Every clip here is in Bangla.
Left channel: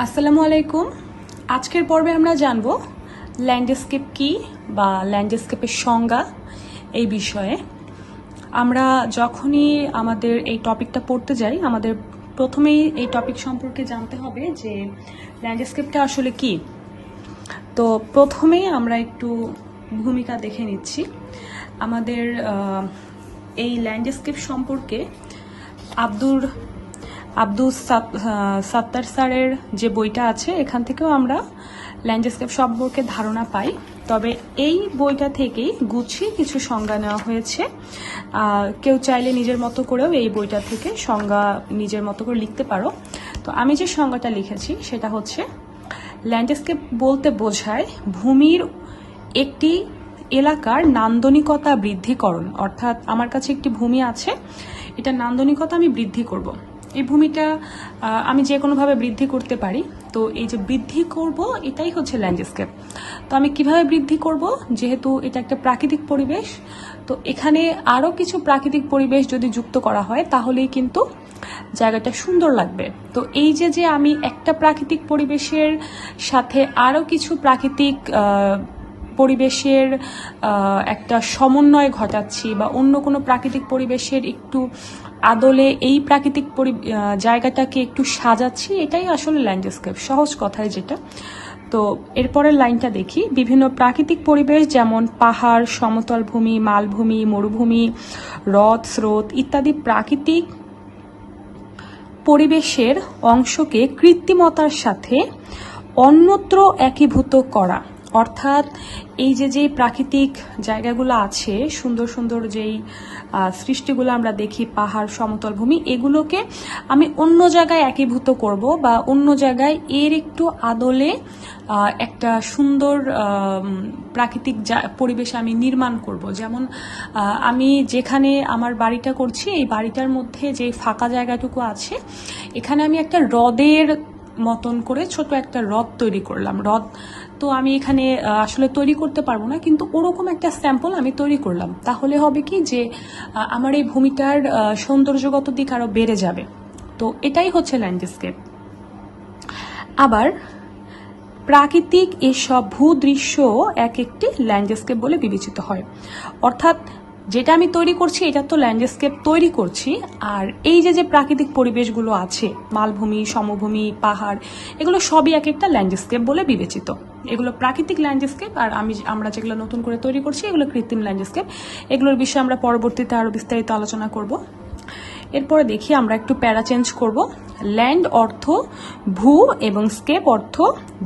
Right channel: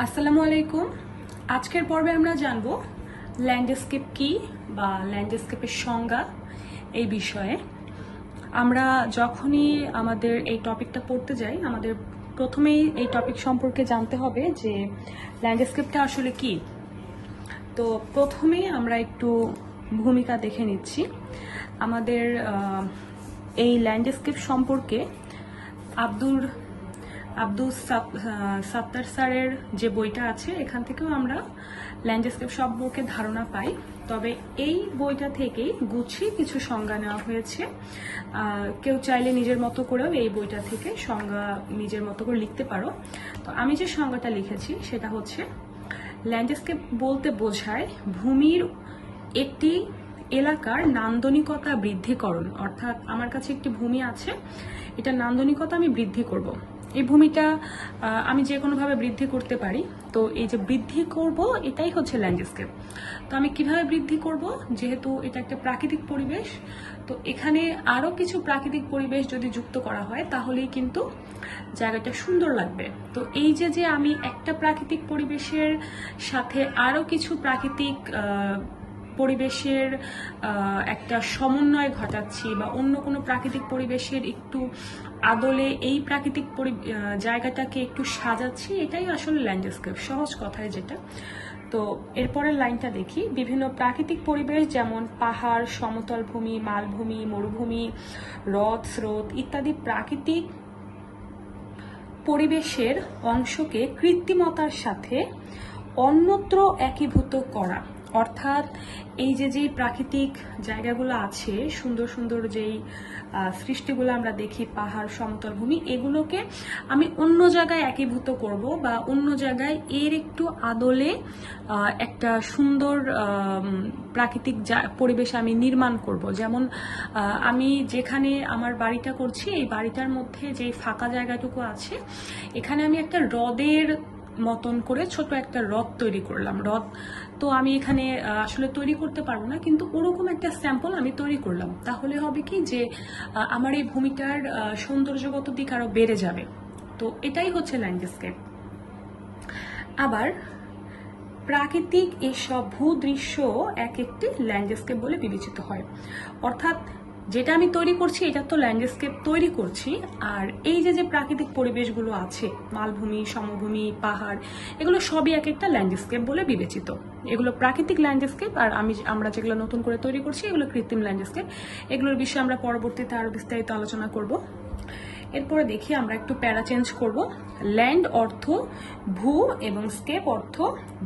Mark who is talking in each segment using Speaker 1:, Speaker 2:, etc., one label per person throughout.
Speaker 1: আসসালামু আলাইকুম। আজকের পর্বে আমরা জানব ল্যান্ডস্কেপ কি বা ল্যান্ডস্কেপের সংজ্ঞা এই বিষয়ে। আমরা যখনই আমাদের এই টপিকটা পড়তে যাই, আমাদের প্রথমেই এই টপিক সম্পর্কে জানতে হবে যে ল্যান্ডস্কেপটা আসলে কি। তো প্রথমেই আমরা একটু ভূমিকা দেখে নিচ্ছি। আমাদের এই ল্যান্ডস্কেপ সম্পর্কে আব্দুর আহ, সাত্তার স্যারের যে বইটা আছে এখান থেকেও আমরা ল্যান্ডস্কেপ সম্পর্কে ধারণা পাই। তবে এই বইটা থেকেই গুছিয়ে কিছু সংজ্ঞা নেওয়া হয়েছে। কেউ চাইলে নিজের মতো করেও এই বইটা থেকে সংজ্ঞা নিজের মতো করে লিখতে পারো। তো আমি যে সংজ্ঞাটা লিখেছি সেটা হচ্ছে ল্যান্ডস্কেপ বলতে বোঝায় ভূমির একটি এলাকার নান্দনিকতা বৃদ্ধিকরণ। অর্থাৎ আমার কাছে একটি ভূমি আছে এটা নান্দনিকতা আমি বৃদ্ধি করব। এই ভূমিটা আমি যে কোনোভাবে বৃদ্ধি করতে পারি, তো এই যে বৃদ্ধি করব, এটাই হচ্ছে ল্যান্ডস্কেপ তো আমি কীভাবে বৃদ্ধি করব? যেহেতু এটা একটা প্রাকৃতিক পরিবেশ, তো এখানে আরও কিছু প্রাকৃতিক পরিবেশ যদি যুক্ত করা হয়, তাহলেই কিন্তু জায়গাটা সুন্দর লাগবে। তো এই যে যে আমি একটা প্রাকৃতিক পরিবেশের সাথে আরও কিছু প্রাকৃতিক পরিবেশের একটা সমন্বয় ঘটাচ্ছি বা অন্য কোনো প্রাকৃতিক পরিবেশের একটু আদলে এই প্রাকৃতিক পরি- জায়গাটাকে একটু সাজাচ্ছি, এটাই আসলে ল্যান্ডস্কেপ সহজ কথায় যেটা। তো এরপরের লাইনটা দেখি। বিভিন্ন প্রাকৃতিক পরিবেশ যেমন পাহাড়, সমতল ভূমি, মালভূমি, মরুভূমি, হ্রদ, স্রোত ইত্যাদি প্রাকৃতিক পরিবেশের অংশকে কৃত্রিমতার সাথে অন্যত্র একীভূত করা। অর্থাৎ এই যে যেই প্রাকৃতিক জায়গাগুলো আছে, সুন্দর সুন্দর যেই সৃষ্টিগুলো আমরা দেখি, পাহাড়, সমতল ভূমি, এগুলোকে আমি অন্য জায়গায় একীভূত করব বা অন্য জায়গায় এর একটু আদলে একটা সুন্দর প্রাকৃতিক পরিবেশ আমি নির্মাণ করব। যেমন আমি যেখানে আমার বাড়িটা করছি, এই বাড়িটার মধ্যে যে ফাঁকা জায়গাটুকু আছে, এখানে আমি একটা হ্রদের মতন করে ছোট একটা হ্রদ তৈরি করলাম। হ্রদ তো আমি এখানে আসলে তৈরি করতে পারব না, কিন্তু ওরকম একটা স্যাম্পল আমি তৈরি করলাম। তাহলে হবে কি যে আমার এই ভূমিটার সৌন্দর্যগত দিক আরও বেড়ে যাবে। তো এটাই হচ্ছে ল্যান্ডস্কেপ আবার প্রাকৃতিক এসব ভূদৃশ্য এক একটি ল্যান্ডস্কেপ বলে বিবেচিত হয়। অর্থাৎ যেটা আমি তৈরি করছি, এটা তো ল্যান্ডস্কেপ তৈরি করছি। আর এই যে যে প্রাকৃতিক পরিবেশগুলো আছে, মালভূমি, সমভূমি, পাহাড়, এগুলো সবই এক একটা ল্যান্ডস্কেপ বলে বিবেচিত। এগুলো প্রাকৃতিক ল্যান্ডস্কেপ আর আমি আমরা যেগুলো নতুন করে তৈরি করছি, এগুলো কৃত্রিম ল্যান্ডস্কেপ এগুলোর বিষয়ে আমরা পরবর্তীতে আরও বিস্তারিত আলোচনা করব। এরপরে দেখি আমরা একটু প্যারা চেঞ্জ করব। ল্যান্ড অর্থ, ভূ এবং স্কেপ অর্থ,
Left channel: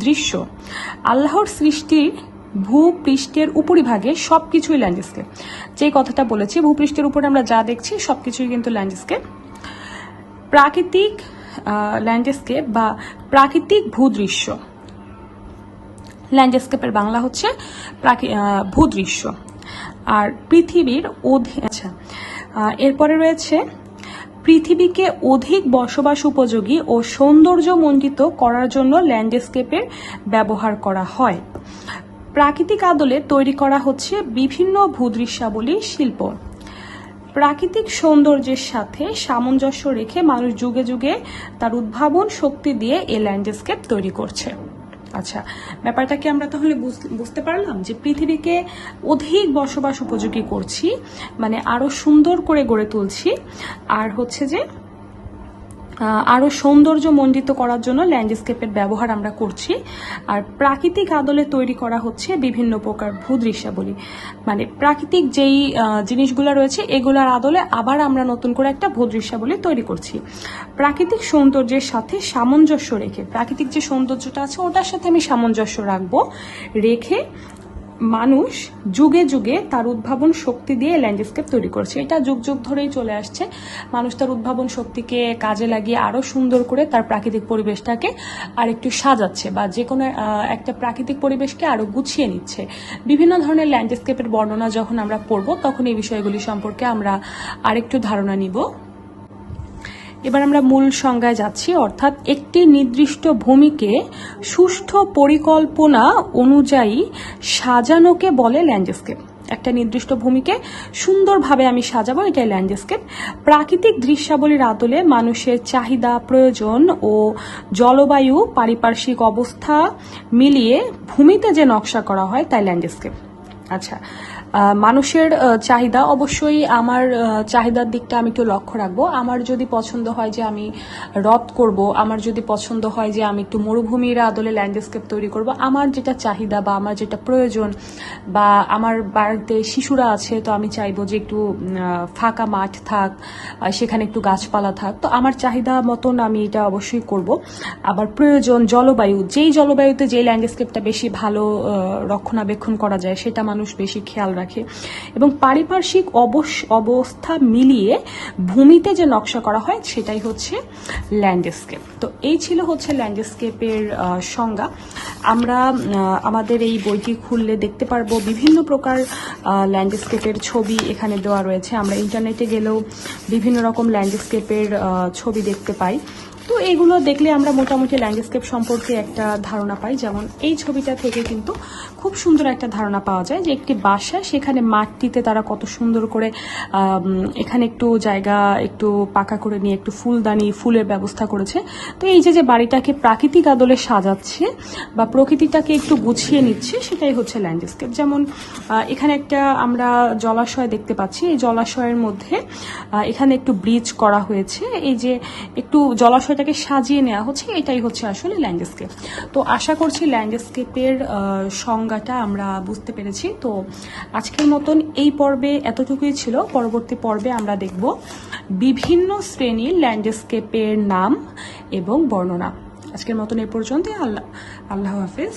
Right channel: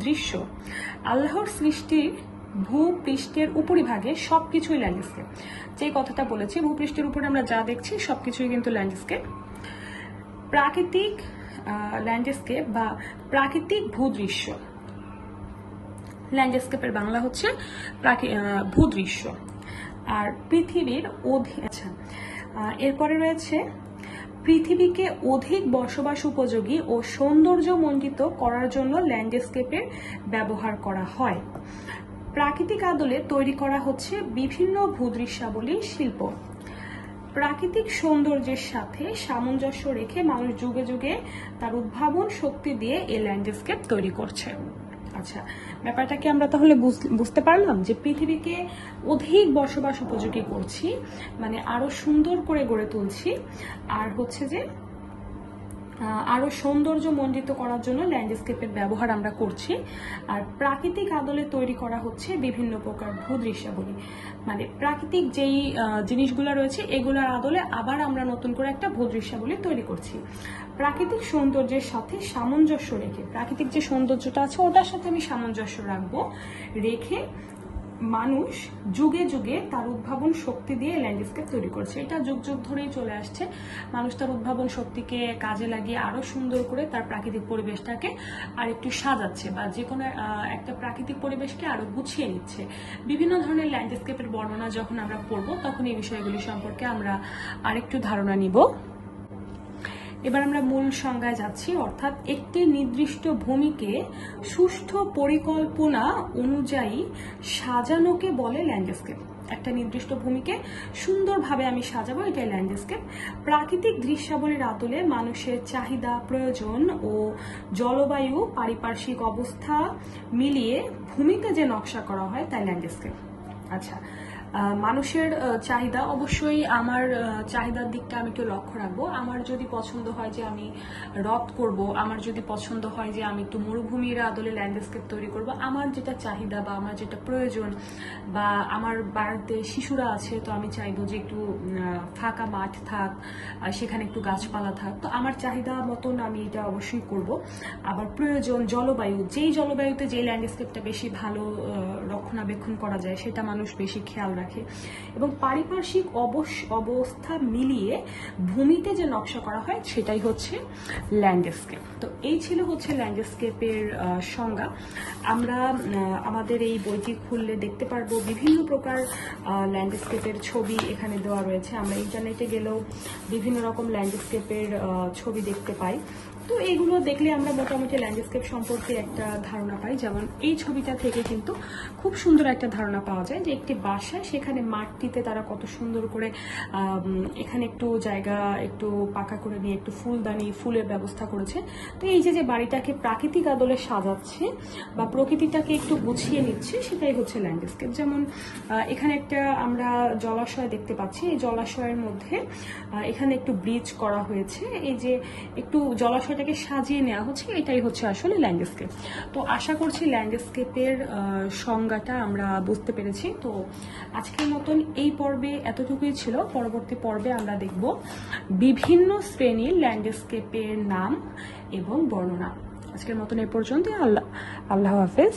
Speaker 1: দৃশ্য। আল্লাহর সৃষ্টির ভূপৃষ্ঠের উপরিভাগে সব কিছুই ল্যান্ডস্কেপ যে কথাটা বলেছি, ভূপৃষ্ঠের উপরে আমরা যা দেখছি সব কিছুই কিন্তু ল্যান্ডস্কেপ প্রাকৃতিক ল্যান্ডস্কেপ বা প্রাকৃতিক ভূদৃশ্য। ল্যান্ডস্কেপের বাংলা হচ্ছে ভূদৃশ্য। আর পৃথিবীর আচ্ছা এরপরে রয়েছে, পৃথিবীকে অধিক বসবাস উপযোগী ও সৌন্দর্যমণ্ডিত করার জন্য ল্যান্ডস্কেপের ব্যবহার করা হয়। প্রাকৃতিক আদলে তৈরি করা হচ্ছে বিভিন্ন ভূদৃশ্যাবলী শিল্প। প্রাকৃতিক সৌন্দর্যের সাথে সামঞ্জস্য রেখে মানুষ যুগে যুগে তার উদ্ভাবন শক্তি দিয়ে এই ল্যান্ডস্কেপ তৈরি করছে। আচ্ছা ব্যাপারটাকে আমরা তাহলে বুঝ- বুঝতে পারলাম যে পৃথিবীকে অধিক বসবাস উপযোগী করছি মানে আরও সুন্দর করে গড়ে তুলছি, আর হচ্ছে যে আহ, আরও সৌন্দর্য মণ্ডিত করার জন্য ল্যান্ডস্কেপের ব্যবহার আমরা করছি। আর প্রাকৃতিক আদলে তৈরি করা হচ্ছে বিভিন্ন প্রকার ভূদৃশ্যাবলী। মানে প্রাকৃতিক যেই জিনিসগুলো রয়েছে এগুলোর আদলে আবার আমরা নতুন করে একটা ভূদৃশ্যাবলী তৈরি করছি। প্রাকৃতিক সৌন্দর্যের সাথে সামঞ্জস্য রেখে প্রাকৃতিক যে সৌন্দর্যটা আছে ওটার সাথে আমি সামঞ্জস্য রাখব। রেখে মানুষ যুগে যুগে তার উদ্ভাবন শক্তি দিয়ে ল্যান্ডস্কেপ তৈরি করছে। এটা যুগ যুগ ধরেই চলে আসছে। মানুষ তার উদ্ভাবন শক্তিকে কাজে লাগিয়ে আরও সুন্দর করে তার প্রাকৃতিক পরিবেশটাকে আর একটু সাজাচ্ছে বা যে কোনো একটা প্রাকৃতিক পরিবেশকে আরও গুছিয়ে নিচ্ছে। বিভিন্ন ধরনের ল্যান্ডস্কেপের বর্ণনা যখন আমরা পড়ব, তখন এই বিষয়গুলি সম্পর্কে আমরা আরেকটু ধারণা নিব। এবার আমরা মূল সংজ্ঞায় যাচ্ছি, অর্থাৎ একটি নির্দিষ্ট ভূমিকে সুষ্ঠু পরিকল্পনা অনুযায়ী সাজানোকে বলে ল্যান্ডস্কেপ। একটা নির্দিষ্ট ভূমিকে সুন্দরভাবে আমি সাজাবো, এটাই ল্যান্ডস্কেপ। প্রাকৃতিক দৃশ্যাবলীর আদলে মানুষের চাহিদা, প্রয়োজন ও জলবায়ু, পারিপার্শ্বিক অবস্থা মিলিয়ে ভূমিতে যে নকশা করা হয়, তাই ল্যান্ডস্কেপ। আচ্ছা মানুষের চাহিদা অবশ্যই আমার চাহিদার দিকটা আমি একটু লক্ষ্য রাখব। আমার যদি পছন্দ হয় যে আমি হ্রদ করব, আমার যদি পছন্দ হয় যে আমি একটু মরুভূমির আদলে ল্যান্ডস্কেপ তৈরি করব, আমার যেটা চাহিদা বা আমার যেটা প্রয়োজন বা আমার বাড়িতে শিশুরা আছে, তো আমি চাইব যে একটু ফাঁকা মাঠ থাক সেখানে একটু গাছপালা থাক। তো আমার চাহিদা মতন আমি এটা অবশ্যই করব। আবার প্রয়োজন জলবায়ু, যেই জলবায়ুতে যে ল্যান্ডস্কেপটা বেশি ভালো রক্ষণাবেক্ষণ করা যায়, সেটা মানুষ বেশি খেয়াল রাখে। এবং পারিপার্শ্বিক অবস- অবস্থা মিলিয়ে ভূমিতে যে নকশা করা হয়, সেটাই হচ্ছে ল্যান্ডস্কেপ। তো এই ছিল হচ্ছে ল্যান্ডস্কেপের সংজ্ঞা। আমরা আমাদের এই বইটি খুললে দেখতে পারব বিভিন্ন প্রকার ল্যান্ডস্কেপের ছবি এখানে দেওয়া রয়েছে। আমরা ইন্টারনেটে গেলেও বিভিন্ন রকম ল্যান্ডস্কেপের ছবি দেখতে পাই। তো এগুলো দেখলে আমরা মোটামুটি ল্যান্ডস্কেপ সম্পর্কে একটা ধারণা পাই। যেমন এই ছবিটা থেকে কিন্তু খুব সুন্দর একটা ধারণা পাওয়া যায় যে একটি বাসা সেখানে মাটিতে তারা কত সুন্দর করে এখানে একটু জায়গা একটু পাকা করে নিয়ে একটু ফুলদানি, ফুলের ব্যবস্থা করেছে। তো এই যে যে বাড়িটাকে প্রাকৃতিক আদলে সাজাচ্ছে বা প্রকৃতিটাকে একটু গুছিয়ে নিচ্ছে, সেটাই হচ্ছে ল্যান্ডস্কেপ যেমন এখানে একটা আমরা জলাশয় দেখতে পাচ্ছি। এই জলাশয়ের মধ্যে এখানে একটু ব্রিজ করা হয়েছে। এই যে, একটু জলাশয়টাকে সাজিয়ে নেওয়া হচ্ছে, এটাই হচ্ছে আসলে ল্যান্ডস্কেপ তো আশা করছি ল্যান্ডস্কেপের সংজ্ঞাটা আমরা বুঝতে পেরেছি। তো আজকের মতন এই পর্বে এতটুকুই ছিল। পরবর্তী পর্বে আমরা দেখব বিভিন্ন শ্রেণির ল্যান্ডস্কেপের নাম এবং বর্ণনা। আজকের মতন এ পর্যন্তই। আল্লাহ আল্লাহ হাফেজ।